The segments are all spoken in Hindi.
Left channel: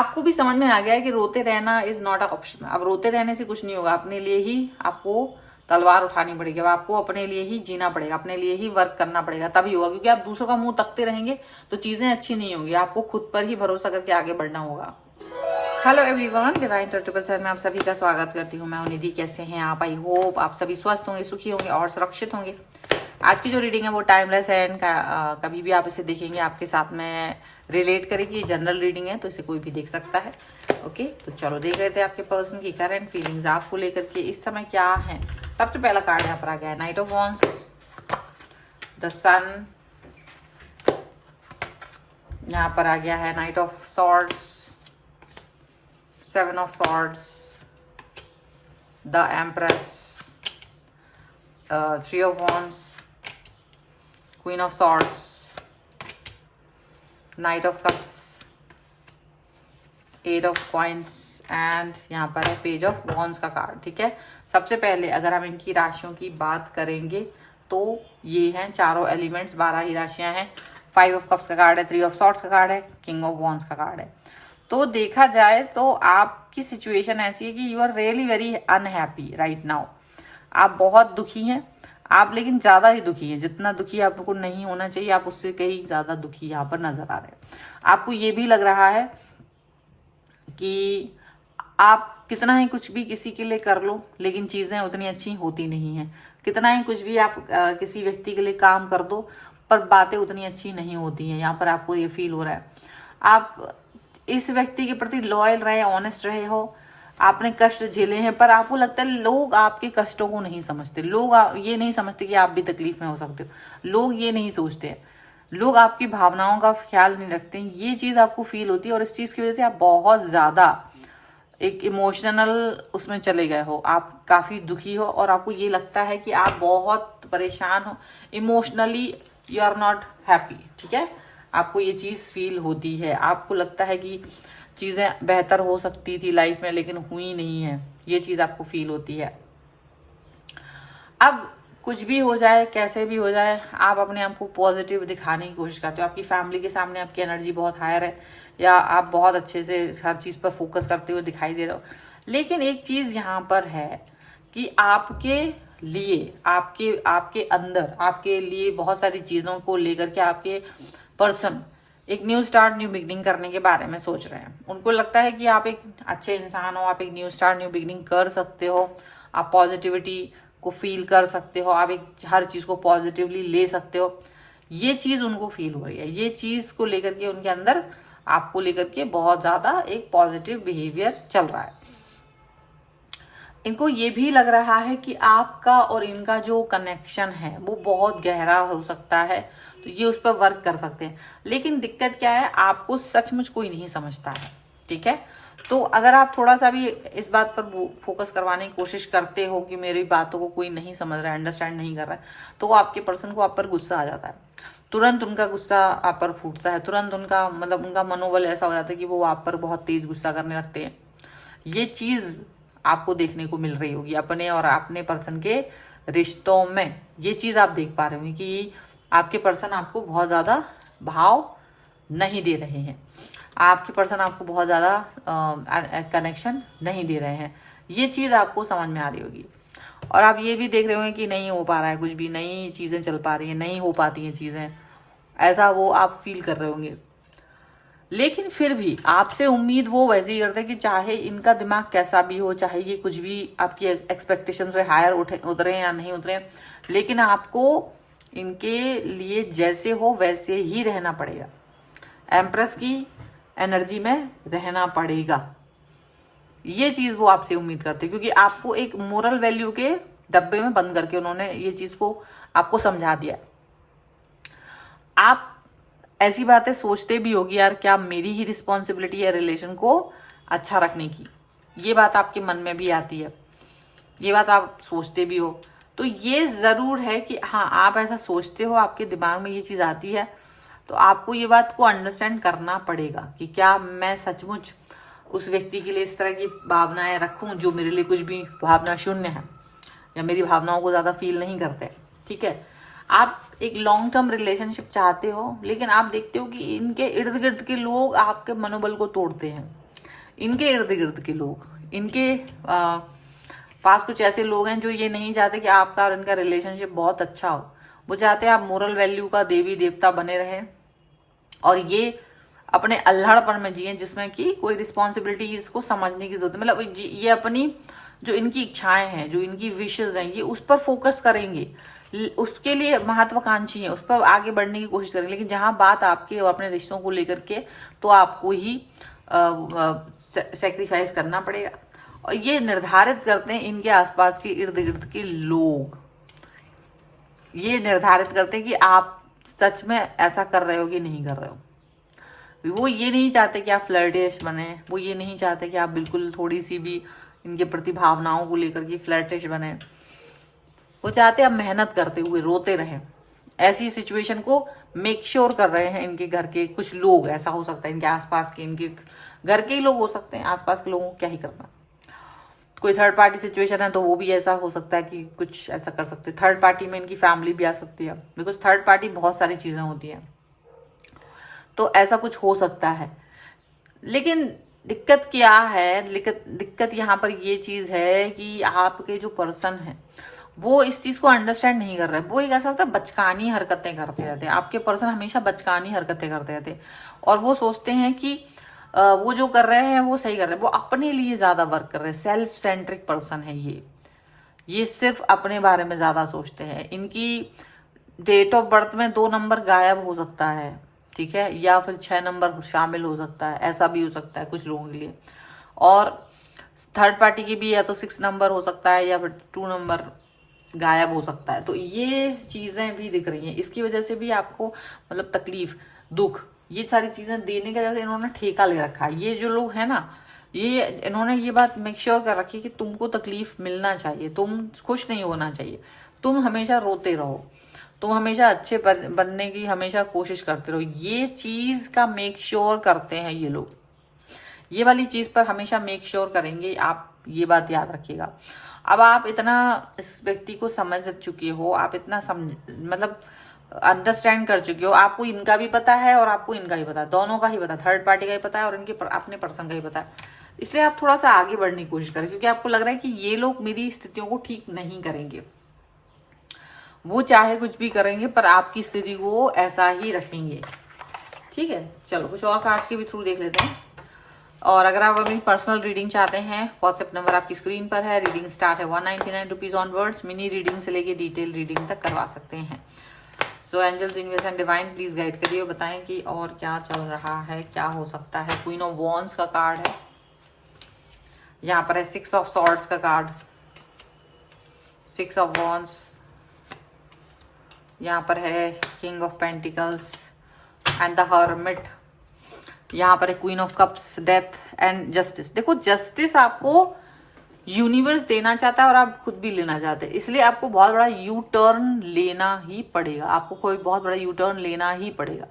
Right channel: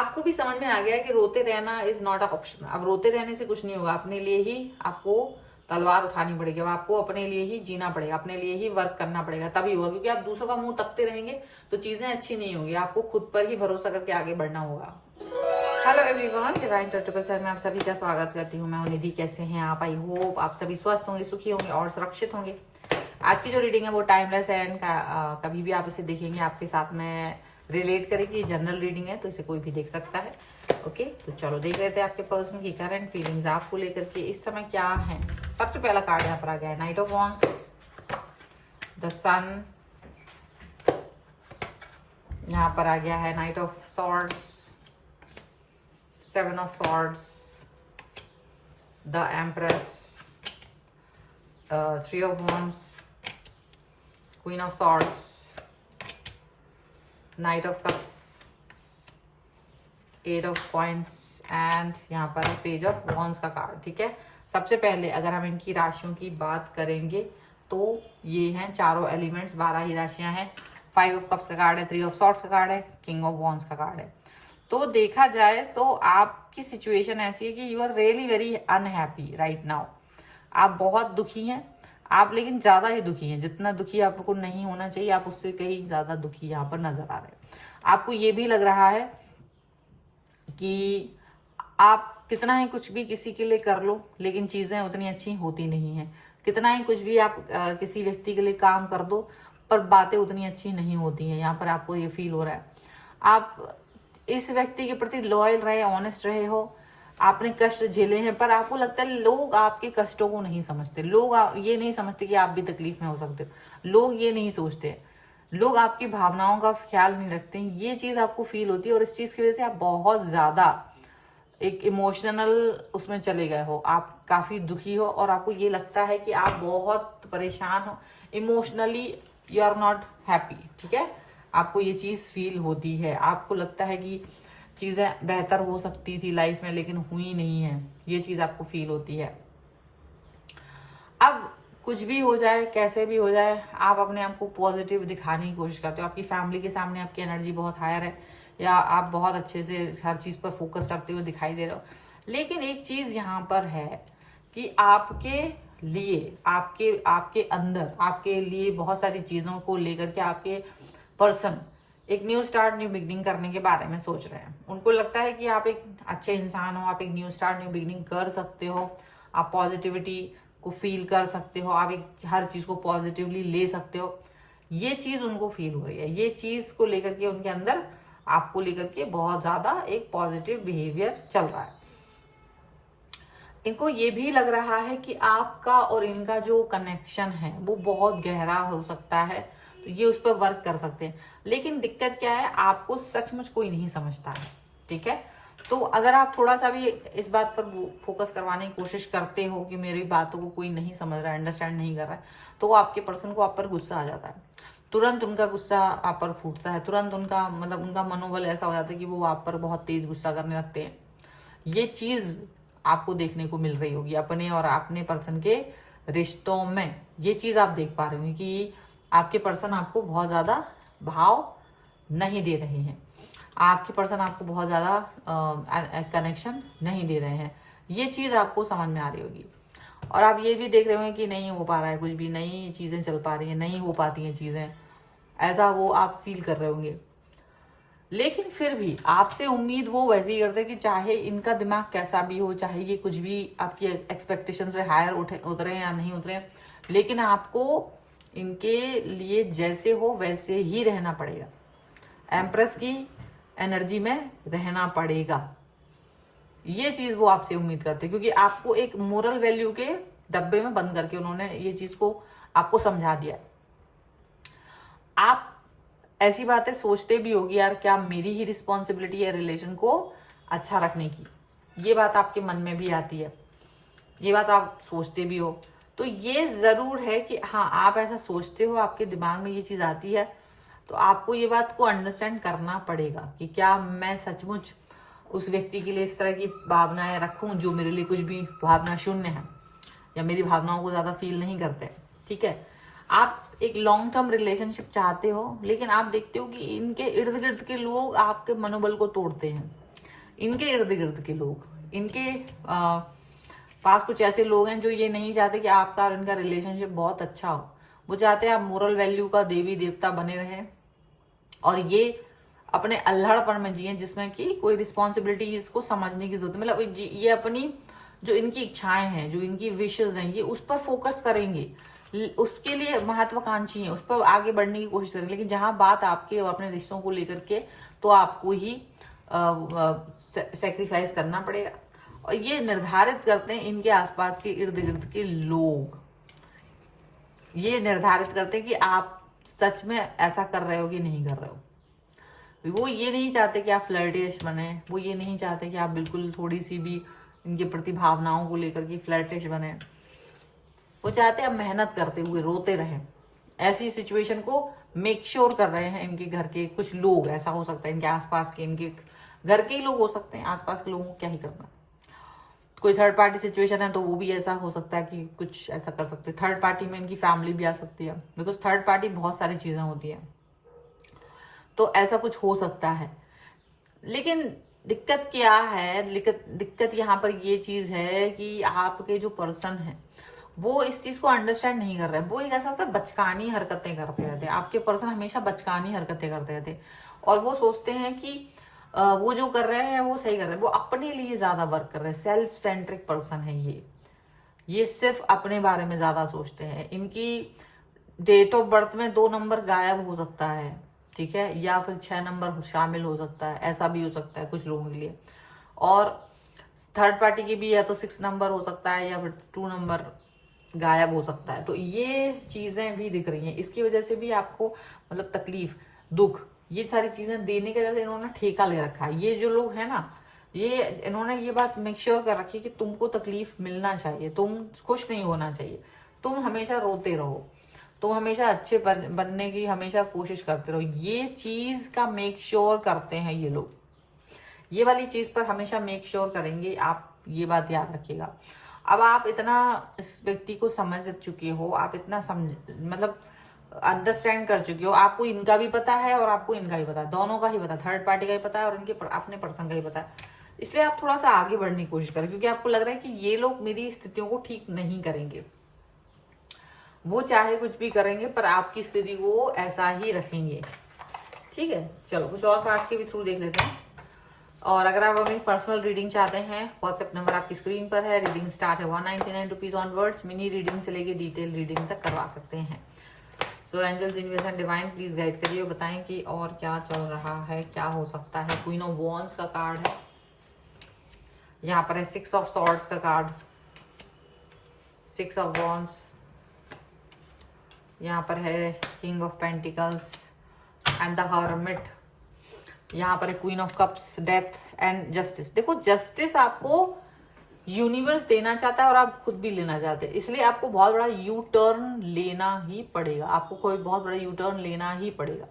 आपको भी समझ में आ गया है कि रोते रहना इज नॉट अ ऑप्शन। अब रोते रहने से कुछ नहीं होगा, अपने लिए ही आपको तलवार उठानी पड़ेगी। अब आपको अपने लिए ही जीना पड़ेगा, अपने लिए ही वर्क करना पड़ेगा, तभी होगा। क्योंकि आप दूसरों का मुंह तकते रहेंगे तो चीजें अच्छी नहीं होंगी। आपको खुद पर ही भरोसा करके आगे बढ़ना होगा। Hello everyone, divine triple seven में आप सभी का स्वागत करती हूँ। मैं निधि। कैसे हैं आप? आई होप आप सभी स्वस्थ होंगे, सुखी होंगे और सुरक्षित होंगे। आज की जो रीडिंग है वो टाइमलेस है एंड कभी भी आप इसे देखेंगे आपके साथ में रिलेट करेगी। जनरल रीडिंग है तो इसे कोई भी देख सकता है। ओके, तो चलो देख रहे थे आपके पर्सन की करंट फीलिंग्स आपको लेकर के इस समय क्या है। सबसे पहला कार्ड यहाँ पर आ गया है knight of wands, the sun. यहाँ पर आ गया है knight of swords, seven of swords, the empress, three of wands, queen of swords, knight of cups, eight of coins and यहाँ पर है पेज ऑफ वॉन्ड्स का कार्ड। ठीक है, सबसे पहले अगर हम इनकी राशियों की बात करेंगे तो ये हैं चारों एलिमेंट्स, 12 ही राशियां हैं। 5 ऑफ कप्स का कार्ड है, 3 ऑफ सॉर्ड्स का कार्ड है, किंग ऑफ वॉन्ड्स का कार्ड है। तो देखा जाए तो आपकी सिचुएशन ऐसी है कि you are really very unhappy right now. आप बहुत दुखी हैं, आप लेकिन ज्यादा ही दुखी हैं। जितना दुखी आपको नहीं होना चाहिए आप उससे कहीं ज्यादा दुखी यहाँ पर नजर आ रहे हैं। आपको ये भी लग रहा है कि आप कितना ही कुछ भी किसी के लिए कर लो लेकिन चीजें उतनी अच्छी होती नहीं है। कितना ही कुछ भी आप किसी व्यक्ति के लिए काम कर दो पर बातें उतनी अच्छी नहीं होती हैं। यहाँ पर आपको ये फील हो रहा है आप इस व्यक्ति के प्रति लॉयल रहे, ऑनेस्ट रहे हो, आपने कष्ट झेले हैं, पर आपको लगता है लोग आपके कष्टों को नहीं समझते। लोग ये नहीं समझते कि आप भी तकलीफ में हो सकते हो। लोग ये नहीं सोचते हैं, लोग आपकी भावनाओं का ख्याल नहीं रखते हैं। ये चीज आपको फील होती है और इस चीज की वजह से आप बहुत ज्यादा एक इमोशनल उसमें चले गए हो। आप काफी दुखी हो और आपको ये लगता है कि आप बहुत परेशान हो emotionally, you are not happy. ठीक है, आपको ये चीज फील होती है। आपको लगता है कि चीजें बेहतर हो सकती थी लाइफ में लेकिन हुई नहीं है। ये चीज आपको फील होती है। अब कुछ भी हो जाए, कैसे भी हो जाए, आप अपने आप को पॉजिटिव दिखाने की कोशिश करते हो। आपकी फैमिली के सामने आपकी एनर्जी बहुत हायर है या आप बहुत अच्छे से हर चीज पर फोकस करते हुए दिखाई दे रहे हो। लेकिन एक चीज यहाँ पर है कि आपके लिए आपके आपके अंदर आपके लिए बहुत सारी चीजों को लेकर के आपके पर्सन एक न्यू स्टार्ट, न्यू बिगनिंग करने के बारे में सोच रहे हैं। उनको लगता है कि आप एक अच्छे इंसान हो, आप एक न्यू स्टार्ट, न्यू बिगनिंग कर सकते हो, आप पॉजिटिविटी को फील कर सकते हो, आप एक हर चीज को पॉजिटिवली ले सकते हो। ये चीज उनको फील हो रही है। ये चीज को लेकर के उनके अंदर आपको लेकर के बहुत ज्यादा एक पॉजिटिव बिहेवियर चल रहा है। इनको ये भी लग रहा है कि आपका और इनका जो कनेक्शन है वो बहुत गहरा हो सकता है, तो ये उस पर वर्क कर सकते हैं। लेकिन दिक्कत क्या है, आपको सचमुच कोई नहीं समझता है। ठीक है, तो अगर आप थोड़ा सा भी इस बात पर फोकस करवाने की कोशिश करते हो कि मेरी बातों को कोई नहीं समझ रहा है, अंडरस्टैंड नहीं कर रहा है, तो वो आपके पर्सन को आप पर गुस्सा आ जाता है। तुरंत उनका गुस्सा आप पर फूटता है, तुरंत उनका मतलब उनका मनोबल ऐसा हो जाता है कि वो आप पर बहुत तेज गुस्सा करने लगते हैं। ये चीज आपको देखने को मिल रही होगी अपने और अपने पर्सन के रिश्तों में। ये चीज आप देख पा रहे होंगे कि आपके पर्सन आपको बहुत ज्यादा भाव नहीं दे रहे हैं, आपके पर्सन आपको बहुत ज्यादा कनेक्शन नहीं दे रहे हैं। ये चीज आपको समझ में आ रही होगी। और आप ये भी देख रहे होंगे कि नहीं हो पा रहा है कुछ भी, नई चीजें चल पा रही हैं, नहीं हो पाती हैं चीजें, ऐसा वो आप फील कर रहे होंगे। लेकिन फिर भी आपसे उम्मीद वो वैसे ही करते हैं कि चाहे इनका दिमाग कैसा भी हो, चाहे ये कुछ भी आपकी एक्सपेक्टेशन से हायर उतरे या नहीं उतरे, लेकिन आपको इनके लिए जैसे हो वैसे ही रहना पड़ेगा। एम्प्रेस की एनर्जी में रहना पड़ेगा। ये चीज वो आपसे उम्मीद करते हैं क्योंकि आपको एक मोरल वैल्यू के डब्बे में बंद करके उन्होंने ये चीज को आपको समझा दिया। आप ऐसी बातें सोचते भी होगी, यार क्या मेरी ही रिस्पॉन्सिबिलिटी है रिलेशन को अच्छा रखने की। ये बात आपके मन में भी आती है, ये बात आप सोचते भी हो। तो ये जरूर है कि हाँ, आप ऐसा सोचते हो, आपके दिमाग में ये चीज आती है, तो आपको ये बात को अंडरस्टैंड करना पड़ेगा कि क्या मैं सचमुच उस व्यक्ति के लिए इस तरह की भावनाएं रखूं जो मेरे लिए कुछ भी भावना शून्य है या मेरी भावनाओं को ज्यादा फील नहीं करते। ठीक है, आप एक लॉन्ग टर्म रिलेशनशिप चाहते हो लेकिन आप देखते हो कि इनके इर्द गिर्द के लोग आपके मनोबल को तोड़ते हैं, इनके इर्द गिर्द के लोग, इनके पास कुछ ऐसे लोग हैं जो ये नहीं चाहते कि आपका और इनका रिलेशनशिप बहुत अच्छा हो। वो चाहते हैं आप मोरल वैल्यू का देवी देवता बने रहे और ये अपने अल्हड़पन में जिए जिसमें कि कोई रिस्पॉन्सिबिलिटी इसको समझने की जरूरत है। मतलब ये अपनी जो इनकी इच्छाएं हैं, जो इनकी विशेष हैं, ये उस पर फोकस करेंगे, उसके लिए महत्वाकांक्षी है, उस पर आगे बढ़ने की कोशिश करेंगे। लेकिन जहां बात आपके और अपने रिश्तों को लेकर के, तो आपको ही सेक्रीफाइस करना पड़ेगा। और ये निर्धारित करते हैं इनके आसपास के इर्द गिर्द के लोग, ये निर्धारित करते हैं कि आप सच में ऐसा कर रहे हो कि नहीं कर रहे हो। वो ये नहीं चाहते कि आप फ्लर्टिश बने, वो ये नहीं चाहते कि आप बिल्कुल थोड़ी सी भी इनके प्रति भावनाओं को लेकर के फ्लर्टिश बने। वो चाहते हैं आप मेहनत करते हुए रोते रहें। ऐसी सिचुएशन को मेक श्योर कर रहे हैं इनके घर के कुछ लोग। ऐसा हो सकता है इनके आसपास के, इनके घर के ही लोग हो सकते हैं, आसपास के लोगों को क्या ही करना। कोई थर्ड पार्टी सिचुएशन है तो वो भी ऐसा हो सकता है कि कुछ ऐसा कर सकते हैं। थर्ड पार्टी में इनकी फैमिली भी आ सकती है, बिकॉज थर्ड पार्टी बहुत सारी चीजें होती हैं, तो ऐसा कुछ हो सकता है। लेकिन दिक्कत क्या है, दिक्कत यहाँ पर ये चीज है कि आपके जो पर्सन है वो इस चीज को अंडरस्टैंड नहीं कर रहे। वो एक ऐसा होता है बचकानी हरकतें करते रहते हैं। आपके पर्सन हमेशा बचकानी हरकतें करते रहते हैं और वो सोचते हैं कि वो जो कर रहे हैं वो सही कर रहे हैं। वो अपने लिए ज्यादा वर्क कर रहे हैं। सेल्फ सेंट्रिक पर्सन है ये सिर्फ अपने बारे में ज्यादा सोचते हैं। इनकी डेट ऑफ बर्थ में 2 नंबर गायब हो सकता है, ठीक है, या फिर 6 नंबर शामिल हो सकता है, ऐसा भी हो सकता है कुछ लोगों के लिए। और थर्ड पार्टी की भी या तो 6 नंबर हो सकता है या फिर 2 नंबर गायब हो सकता है। तो ये चीजें भी दिख रही हैं। इसकी वजह से भी आपको मतलब तकलीफ, दुख, ये सारी चीजें देने के जैसे इन्होंने ठेका ले रखा है। ये जो लोग हैं ना, ये इन्होंने ये बात मेक श्योर कर रखी है कि तुमको तकलीफ मिलना चाहिए, तुम खुश नहीं होना चाहिए, तुम हमेशा रोते रहो, तुम हमेशा अच्छे बनने की हमेशा कोशिश करते रहो। ये चीज का मेक श्योर करते हैं ये लोग। ये वाली चीज पर हमेशा मेक श्योर करेंगे, आप ये बात याद रखिएगा। अब आप इतना इस व्यक्ति को समझ चुके हो, आप इतना मतलब अंडरस्टैंड कर चुके हो, आपको इनका भी पता है और आपको इनका भी पता है, दोनों का ही पता है, थर्ड पार्टी का ही पता है और इनके अपने पर्सन का ही पता है। इसलिए आप थोड़ा सा आगे बढ़ने की कोशिश करें, क्योंकि आपको लग रहा है कि ये लोग मेरी स्थितियों को ठीक नहीं करेंगे। वो चाहे कुछ भी करेंगे पर आपकी स्थिति को ऐसा ही रखेंगे, ठीक है। चलो कुछ और कार्ड्स के भी थ्रू देख लेते हैं। और अगर आप अपनी पर्सनल रीडिंग चाहते हैं, व्हाट्सएप नंबर आपकी स्क्रीन पर है। रीडिंग स्टार्ट है 199 रुपीज ऑनवर्ड्स। मिनी रीडिंग से लेके डिटेल रीडिंग तक करवा सकते हैं। So angels, universe and divine please guide करिए, बताएं कि और क्या चल रहा है, क्या हो सकता है। क्वीन ऑफ वॉन्ड्स का कार्ड है, यहाँ पर है 6 ऑफ सॉर्ड्स का कार्ड, 6 ऑफ वॉन्ड्स, यहाँ पर है king of pentacles and the hermit, यहाँ पर है queen of cups, death and justice. देखो जस्टिस आपको यूनिवर्स देना चाहता है और आप खुद भी लेना चाहते हैं, इसलिए आपको बहुत बड़ा यू टर्न लेना ही पड़ेगा। आपको कोई बहुत बड़ा यू टर्न लेना ही पड़ेगा।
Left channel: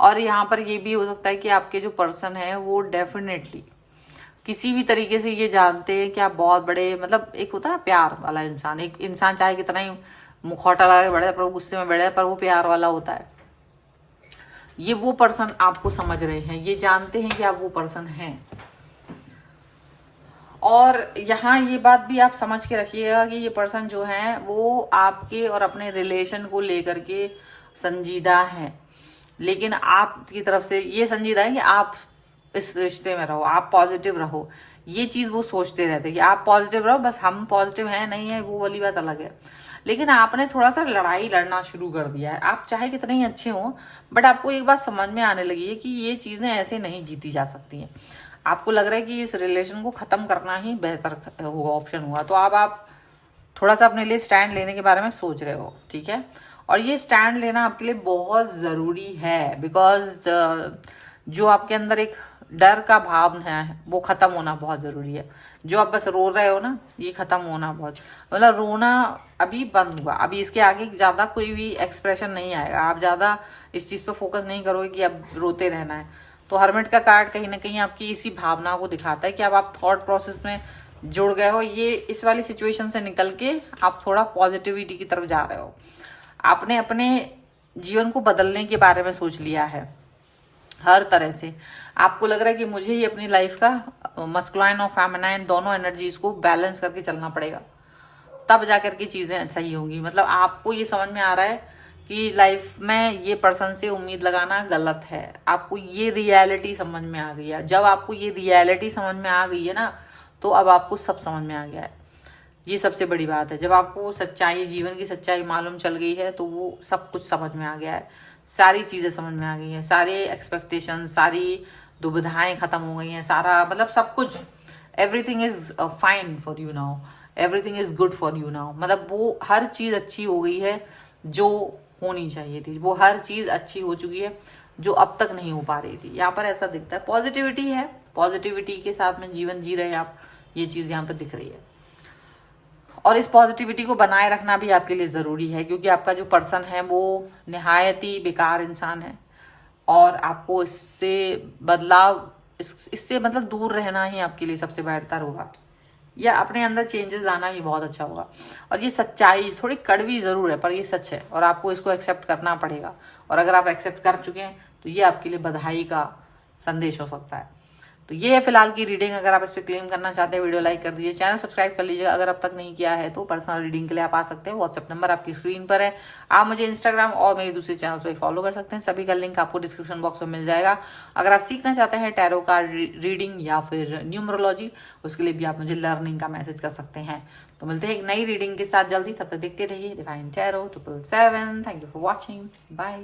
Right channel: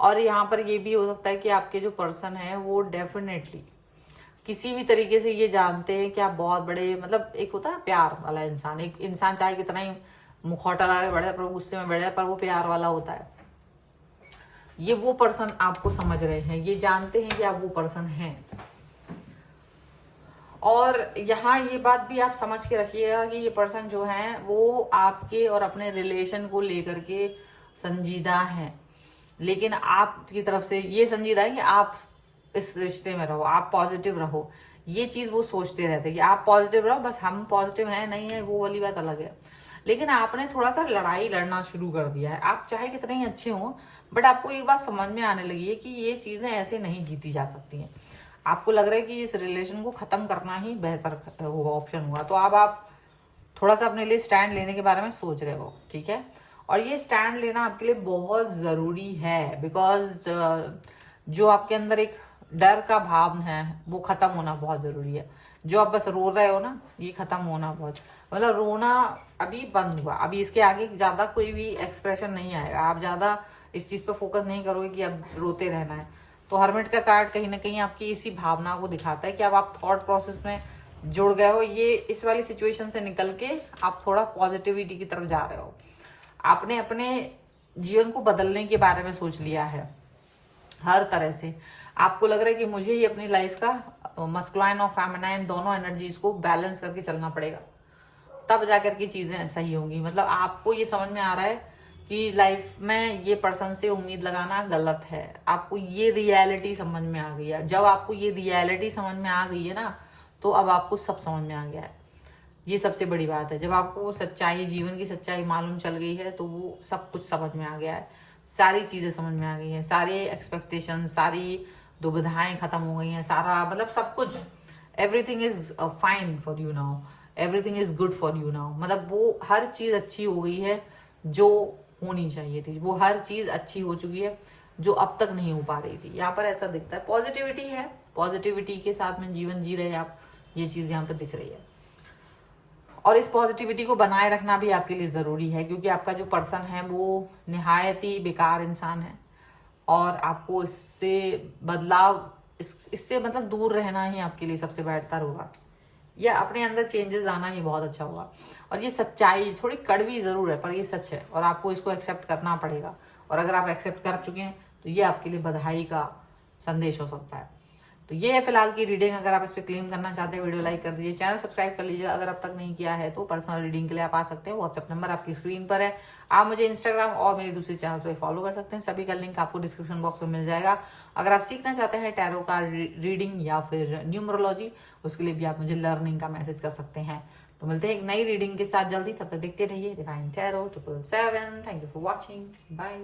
और यहाँ पर ये भी हो सकता है कि आपके जो पर्सन है वो डेफिनेटली किसी भी तरीके से ये जानते हैं कि आप बहुत बड़े, मतलब एक होता है ना प्यार वाला इंसान, एक इंसान चाहे कितना ही मुखौटा लगा के बढ़े पर गुस्से में बढ़े पर वो प्यार वाला होता है। ये वो पर्सन आपको समझ रहे हैं, ये जानते हैं कि आप वो पर्सन हैं। और यहाँ ये बात भी आप समझ के रखिएगा कि ये पर्सन जो है वो आपके और अपने रिलेशन को लेकर के संजीदा है, लेकिन आपकी तरफ से ये संजीदा है कि आप इस रिश्ते में रहो, आप पॉजिटिव रहो। ये चीज वो सोचते रहते हैं कि आप पॉजिटिव रहो, बस हम पॉजिटिव है नहीं है वो वाली बात अलग है। लेकिन आपने थोड़ा सा लड़ाई लड़ना शुरू कर दिया है। आप चाहे कितने ही अच्छे हो, बट आपको एक बात समझ में आने लगी है कि ये चीजें ऐसे नहीं जीती जा सकती हैं। आपको लग रहा है कि इस रिलेशन को खत्म करना ही बेहतर होगा, ऑप्शन हुआ। तो अब आप थोड़ा सा अपने लिए स्टैंड लेने के बारे में सोच रहे हो, ठीक है। और ये स्टैंड लेना आपके लिए बहुत जरूरी है, बिकॉज जो आपके अंदर एक डर का भाव है वो खत्म होना बहुत जरूरी है। जो आप बस रो रहे हो ना, ये खत्म होना बहुत, मतलब रोना अभी बंद हुआ। अभी इसके आगे ज्यादा कोई भी एक्सप्रेशन नहीं आएगा। आप ज्यादा इस चीज पे फोकस नहीं करोगे कि अब रोते रहना है। तो हर्मिट का कार्ड कहीं ना कहीं आपकी इसी भावना को दिखाता है कि अब आप थॉट प्रोसेस में जुड़ गए हो। ये इस वाली सिचुएशन से निकल के आप थोड़ा पॉजिटिविटी की तरफ जा रहे हो। आपने अपने जीवन को बदलने के बारे में सोच लिया है हर तरह से। आपको लग रहा है कि मुझे ही अपनी लाइफ का मस्कुलाइन और फेमिनाइन दोनों एनर्जीज को बैलेंस करके चलना पड़ेगा, तब जाकर के चीजें सही होंगी। मतलब आपको ये समझ में आ रहा है कि लाइफ में ये पर्सन से उम्मीद लगाना गलत है, आपको ये रियलिटी समझ में आ गई है। जब आपको ये रियलिटी समझ में आ गई है ना, तो अब आपको सब समझ में आ गया है। ये सबसे बड़ी बात है, जब आपको सच्चाई, जीवन की सच्चाई मालूम चल गई है, तो वो सब कुछ समझ में आ गया है, सारी चीजें समझ में आ गई हैं, सारे एक्सपेक्टेशन, सारी दुविधाएं खत्म हो गई हैं, सारा मतलब सब कुछ, everything is fine for you now, everything is good for you now. मतलब वो हर चीज अच्छी हो गई है जो होनी चाहिए थी, वो हर चीज अच्छी हो चुकी है जो अब तक नहीं हो पा रही थी। यहाँ पर ऐसा दिखता है, पॉजिटिविटी है, पॉजिटिविटी के साथ में जीवन जी रहे हैं आप, ये चीज यहाँ पर दिख रही है। और इस पॉजिटिविटी को बनाए रखना भी आपके लिए जरूरी है, क्योंकि आपका जो पर्सन है वो निहायत ही बेकार इंसान है, और आपको इससे बदलाव, इससे मतलब दूर रहना ही आपके लिए सबसे बेहतर होगा, या अपने अंदर चेंजेस लाना ही बहुत अच्छा होगा। और ये सच्चाई थोड़ी कड़वी जरूर है, पर ये सच है, और आपको इसको एक्सेप्ट करना पड़ेगा। और अगर आप एक्सेप्ट कर चुके हैं तो ये आपके लिए बधाई का संदेश हो सकता है। तो ये है फिलहाल की रीडिंग। अगर आप इस पर क्लेम करना चाहते हैं, वीडियो लाइक कर दीजिए, चैनल सब्सक्राइब कर लीजिएगा अगर अब तक नहीं किया है तो। पर्सनल रीडिंग के लिए आप आ सकते हैं, व्हाट्सएप नंबर आपकी स्क्रीन पर है। आप मुझे इंस्टाग्राम और मेरे दूसरे चैनल पर फॉलो कर सकते हैं, सभी का लिंक आपको डिस्क्रिप्शन बॉक्स में मिल जाएगा। अगर आप सीखना चाहते हैं टैरो कार्ड रीडिंग या फिर न्यूमरोलॉजी, उसके लिए भी आप मुझे लर्निंग का मैसेज कर सकते हैं। तो मिलते हैं एक नई रीडिंग के साथ जल्दी, तब तक देखते रहिए divine tarot 777। Thank you for watching, bye.